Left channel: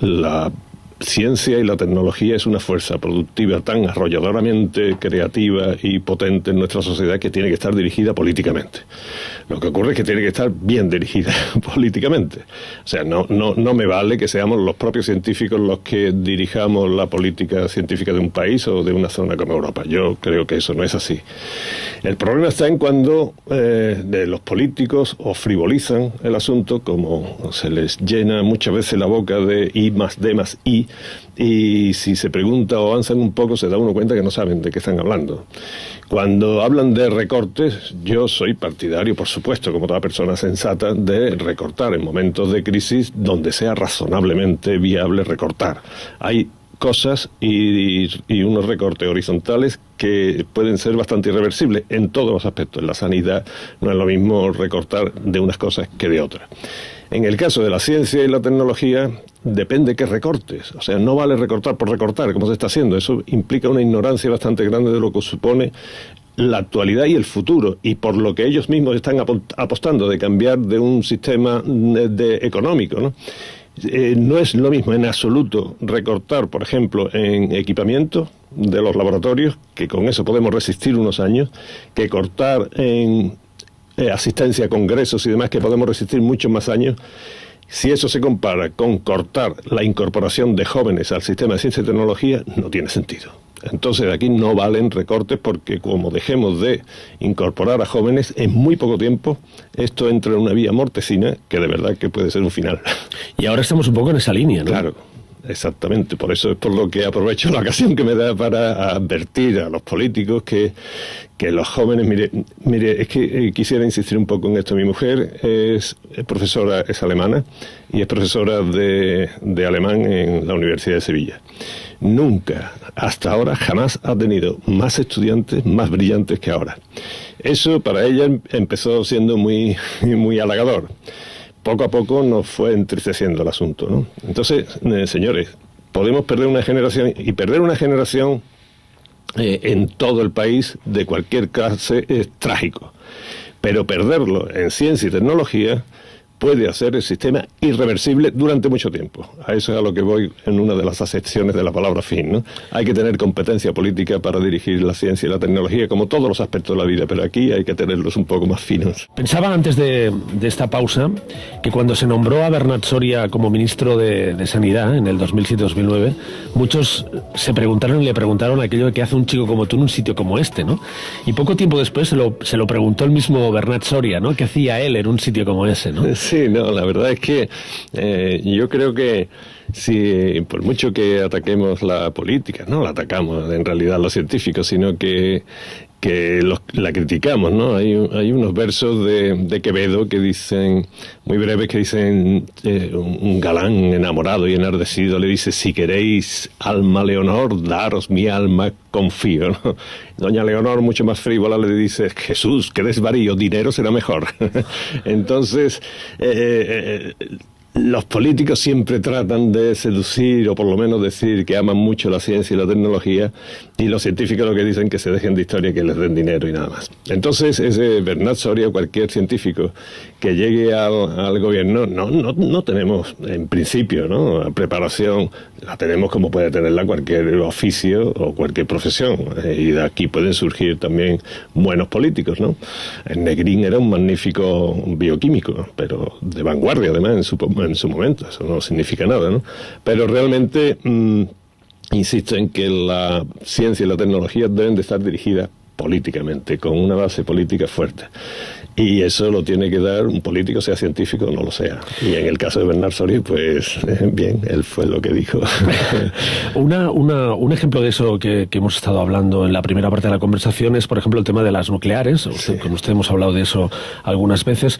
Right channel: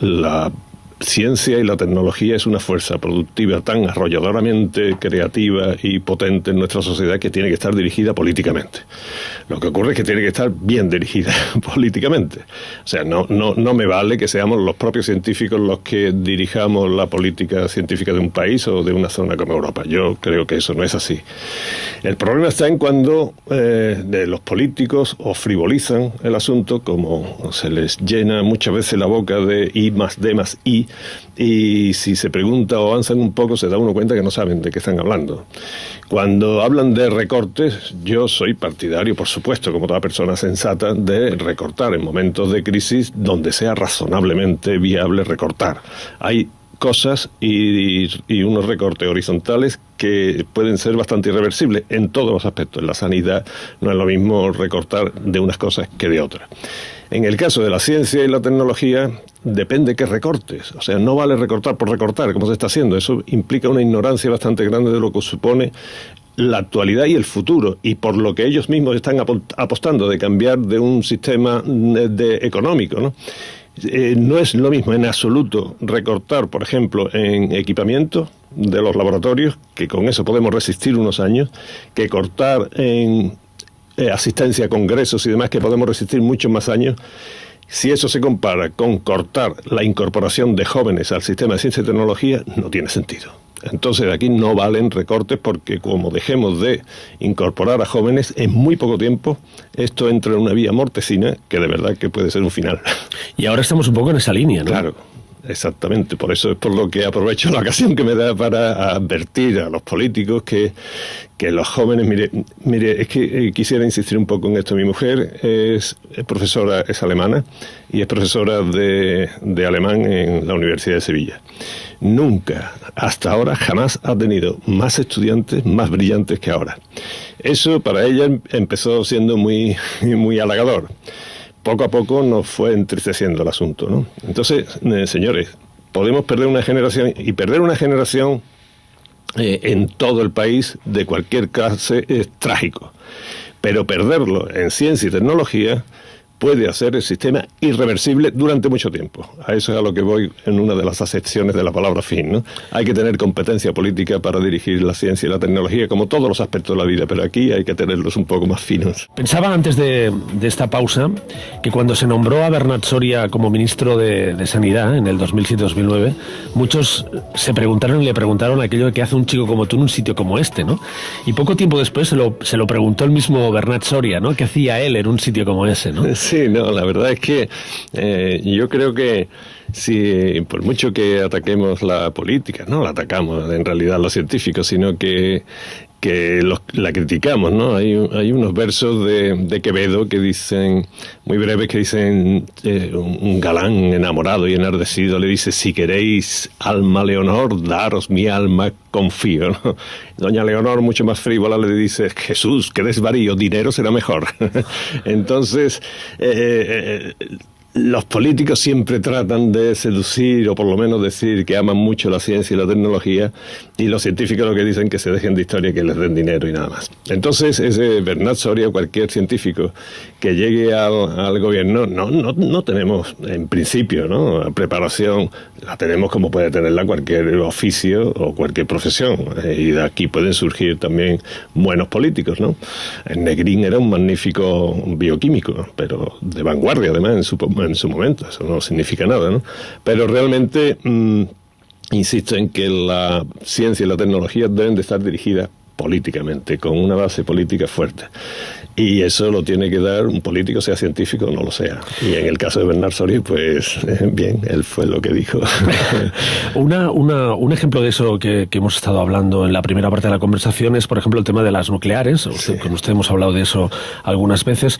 la ciencia y la tecnología es una fuerza productiva tan arrolladoramente creativa y potente en nuestra sociedad que tiene que estar dirigida políticamente. Lo que ocurre es que tiene que estar bien dirigida políticamente. O sea, no me vale que seamos los propios científicos los que dirijamos la política científica de un país o de una zona como Europa. Yo creo que eso no es así. El problema está en cuando los políticos o frivolizan el asunto, como se les llena muchas veces la boca de I más D más I, y si se pregunta o avanzan un poco se da uno cuenta que no saben de qué están hablando. Cuando hablan de recortes, yo soy partidario, por supuesto, como toda persona sensata, de recortar en momentos de crisis donde sea razonablemente viable recortar. Hay cosas y unos recortes horizontales que pueden ser bastante irreversibles en todos los aspectos. En la sanidad no es lo mismo recortar de unas cosas que de otras. En el caso de la ciencia y la tecnología, depende qué recortes. O sea, no vale recortar por recortar, como se está haciendo. Eso implica una ignorancia bastante grande de lo que supone la actualidad y el futuro, y por lo que ellos mismos están apostando de cambiar de un sistema económico, ¿no? No es lo mismo en absoluto recortar, por ejemplo, en equipamiento de los laboratorios, que con eso podemos resistir unos años, que cortar en asistencia a congresos y demás, que podemos resistir muchos más años. Si eso se compara con cortar la incorporación de jóvenes al sistema de ciencia y tecnología, no tiene sentido. Entonces aquí no valen recortes, porque como dejemos de incorporar a jóvenes, en muy poco tiempo esto entra en una vía mortecina que de verdad que puede ser un final. Y ahora estamos un poco en esa línea, ¿no? Claro. Exactamente, por eso es por lo que aprovecho la ocasión que me da para advertir a los políticos que los jóvenes, mire, es que quisiera insistir un poco en esto. Mi mujer es profesora, es alemana, y es profesora de alemán en la Universidad de Sevilla. Nunca, hasta ahora, jamás ha tenido más estudiantes más brillantes que ahora. Eso para ella empezó siendo muy, muy halagador. Poco a poco nos fue entristeciendo el asunto, ¿no? Entonces, señores, podemos perder una generación, y perder una generación en todo el país de cualquier clase es trágico. Pero perderlo en ciencia y tecnología puede hacer el sistema irreversible durante mucho tiempo. A eso es a lo que voy en una de las acepciones de la palabra fin, ¿no? Hay que tener competencia política para dirigir la ciencia y la tecnología, como todos los aspectos de la vida, pero aquí hay que tenerlos un poco más finos. Pensaba antes de esta pausa que cuando se nombró a Bernat Soria como ministro de Sanidad en el 2007-2009, muchos se preguntaron y le preguntaron aquello de qué hace un chico como tú en un sitio como este, ¿no? Y poco tiempo después se lo preguntó el mismo Bernat Soria, ¿no? ¿Qué hacía él en un sitio como ese, ¿no? Sí, no, la verdad es que yo creo que si por mucho que ataquemos la política, no la atacamos en realidad los científicos, sino que la criticamos, ¿no? Hay unos versos de Quevedo que dicen, muy breves, que dicen, un galán enamorado y enardecido le dice: si queréis alma Leonor, daros mi alma, confío, ¿no? Doña Leonor, mucho más frívola, le dice: Jesús, qué desvarío, dinero será mejor. Entonces, los políticos siempre tratan de seducir, o por lo menos decir que aman mucho la ciencia y la tecnología, y los científicos lo que dicen que se dejen de historia, que les den dinero y nada más. Entonces, ese Bernat Soria o cualquier científico que llegue al gobierno, no tenemos, en principio, ¿no? Preparación, la tenemos como puede tenerla cualquier oficio o cualquier profesión, y de aquí pueden surgir también buenos políticos, ¿no? Negrín era un magnífico bioquímico, pero de vanguardia además en su momento, eso no significa nada, ¿no? Pero realmente insisto en que la ciencia y la tecnología deben de estar dirigidas políticamente, con una base política fuerte. Y eso lo tiene que dar un político, sea científico o no lo sea. Y en el caso de Bernat Soria, pues bien, él fue lo que dijo. Un ejemplo de eso que hemos estado hablando en la primera parte de la conversación es, por ejemplo, el tema de las nucleares. Sí. Con usted hemos hablado de eso algunas veces.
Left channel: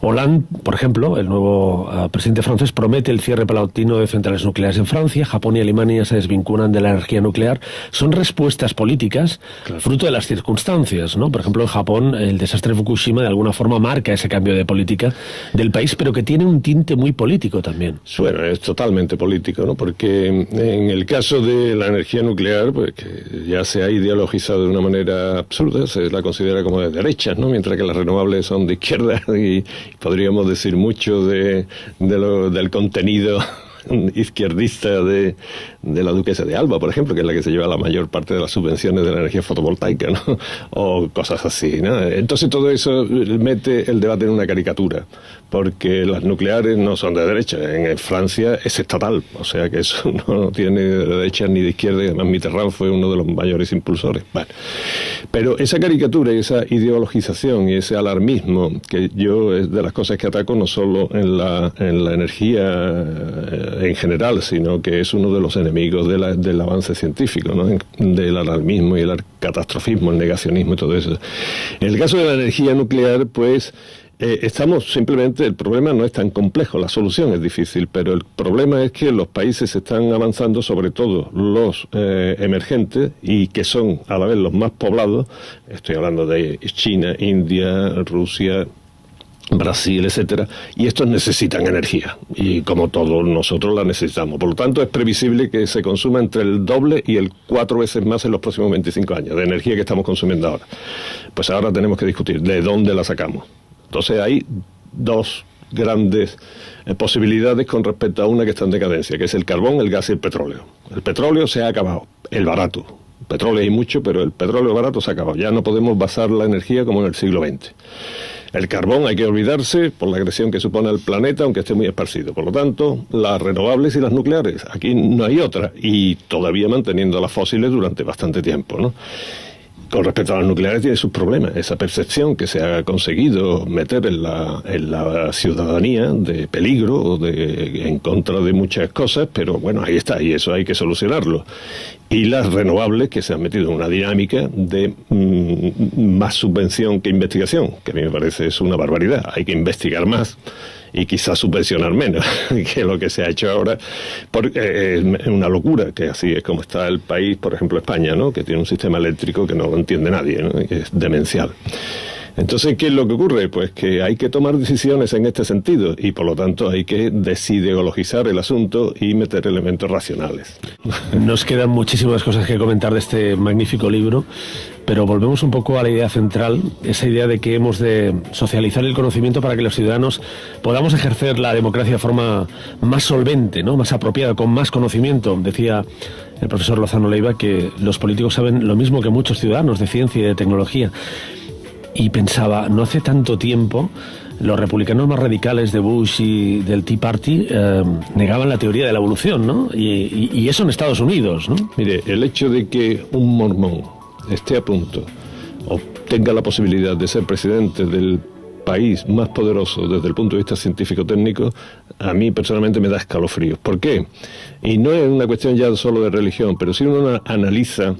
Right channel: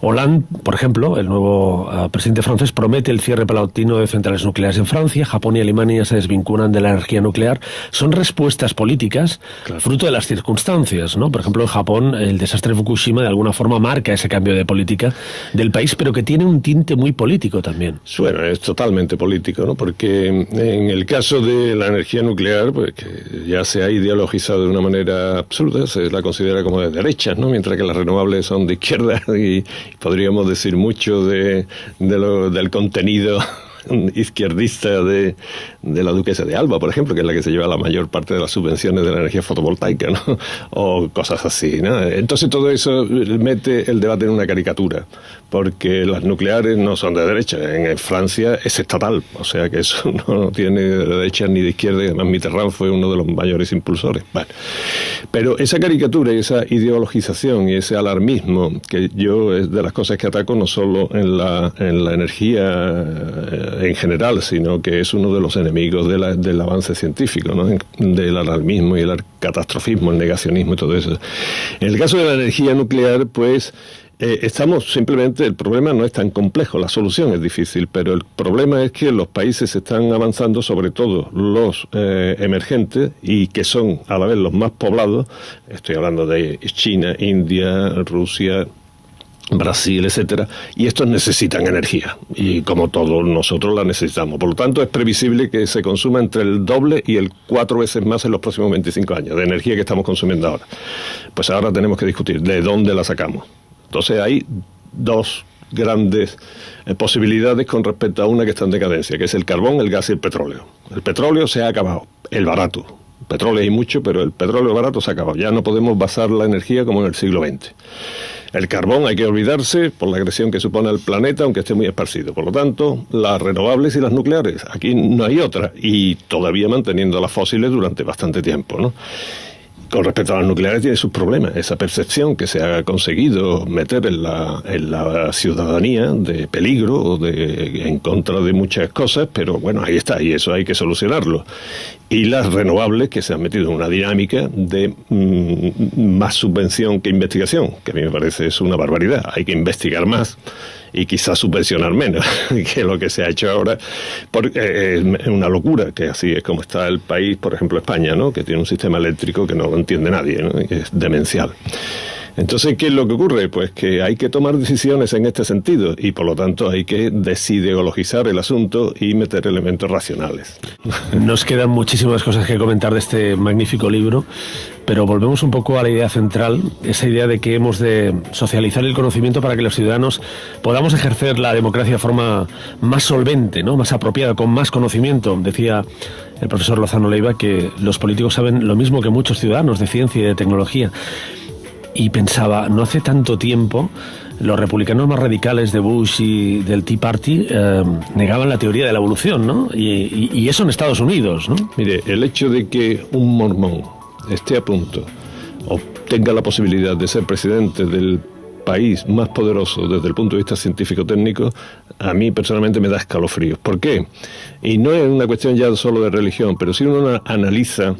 Hollande, por ejemplo, el nuevo presidente francés, promete el cierre paulatino de centrales nucleares en Francia. Japón y Alemania se desvinculan de la energía nuclear. Son respuestas políticas, claro, fruto de las circunstancias, ¿no? Por ejemplo, en Japón, el desastre de Fukushima de alguna forma marca ese cambio de política del país, pero que tiene un tinte muy político también. Bueno, es totalmente político, ¿no? Porque en el caso de la energía nuclear, pues que ya se ha ideologizado de una manera absurda, se la considera como de derechas, ¿no? Mientras que las renovables son de izquierda, y podríamos decir mucho del contenido izquierdista de la duquesa de Alba, por ejemplo, que es la que se lleva la mayor parte de las subvenciones de la energía fotovoltaica, ¿no? O cosas así, ¿no? Entonces todo eso mete el debate en una caricatura, porque las nucleares no son de derecha. En Francia es estatal, o sea que eso no tiene de derecha ni de izquierda, y además Mitterrand fue uno de los mayores impulsores. Bueno, pero esa caricatura y esa ideologización y ese alarmismo, que yo es de las cosas que ataco no solo en la energía en general, sino que es uno de los enemigos del avance científico, ¿no? Del alarmismo y el catastrofismo, el negacionismo y todo eso. En el caso de la energía nuclear, pues estamos simplemente, el problema no es tan complejo, la solución es difícil, pero el problema es que los países están avanzando, sobre todo los emergentes, y que son a la vez los más poblados. Estoy hablando de China, India, Rusia, Brasil, etcétera, y estos necesitan energía, y como todos nosotros la necesitamos. Por lo tanto, es previsible que se consuma entre el doble y el 4 veces más en los próximos 25 años de energía que estamos consumiendo ahora. Pues ahora tenemos que discutir de dónde la sacamos. Entonces hay dos grandes posibilidades con respecto a una que está en decadencia, que es el carbón, el gas y el petróleo. El petróleo se ha acabado, el barato. Petróleo hay mucho, pero el petróleo barato se ha acabado. Ya no podemos basar la energía como en el siglo XX. El carbón hay que olvidarse por la agresión que supone al planeta, aunque esté muy esparcido. Por lo tanto, las renovables y las nucleares, aquí no hay otra, y todavía manteniendo las fósiles durante bastante tiempo, ¿no? Con respecto a las nucleares tiene sus problemas. Esa percepción que se ha conseguido meter en la ciudadanía de peligro, en contra de muchas cosas, pero bueno, ahí está, y eso hay que solucionarlo. Y las renovables, que se han metido en una dinámica de más subvención que investigación, que a mí me parece es una barbaridad. Hay que investigar más y quizás subvencionar menos que lo que se ha hecho ahora, porque es una locura, que así es como está el país, por ejemplo España, ¿no? Que tiene un sistema eléctrico que no lo entiende nadie, ¿no? Que es demencial. Entonces, ¿qué es lo que ocurre? Pues que hay que tomar decisiones en este sentido, y por lo tanto hay que desideologizar el asunto y meter elementos racionales. Nos quedan muchísimas cosas que comentar de este magnífico libro, pero volvemos un poco a la idea central, esa idea de que hemos de socializar el conocimiento para que los ciudadanos podamos ejercer la democracia de forma más solvente, ¿no? Más apropiada, con más conocimiento. Decía el profesor Lozano Leiva que los políticos saben lo mismo que muchos ciudadanos de ciencia y de tecnología. Y pensaba, no hace tanto tiempo, los republicanos más radicales de Bush y del Tea Party negaban la teoría de la evolución, ¿no? Y eso en Estados Unidos, ¿no? Mire, el hecho de que un mormón esté a punto o tenga la posibilidad de ser presidente del país más poderoso desde el punto de vista científico-técnico, a mí personalmente me da escalofríos. ¿Por qué? Y no es una cuestión ya solo de religión, pero si uno analiza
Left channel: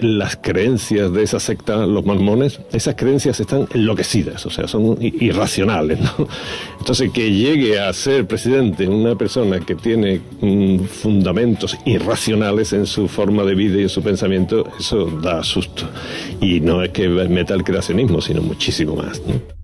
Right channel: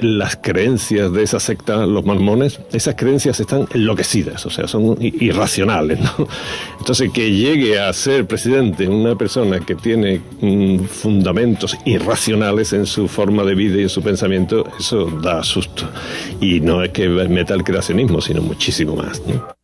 las creencias de esa secta, los mormones, esas creencias están enloquecidas, o sea, son irracionales, ¿no? Entonces, que llegue a ser presidente una persona que tiene fundamentos irracionales en su forma de vida y en su pensamiento, eso da susto. Y no es que meta el creacionismo, sino muchísimo más, ¿no?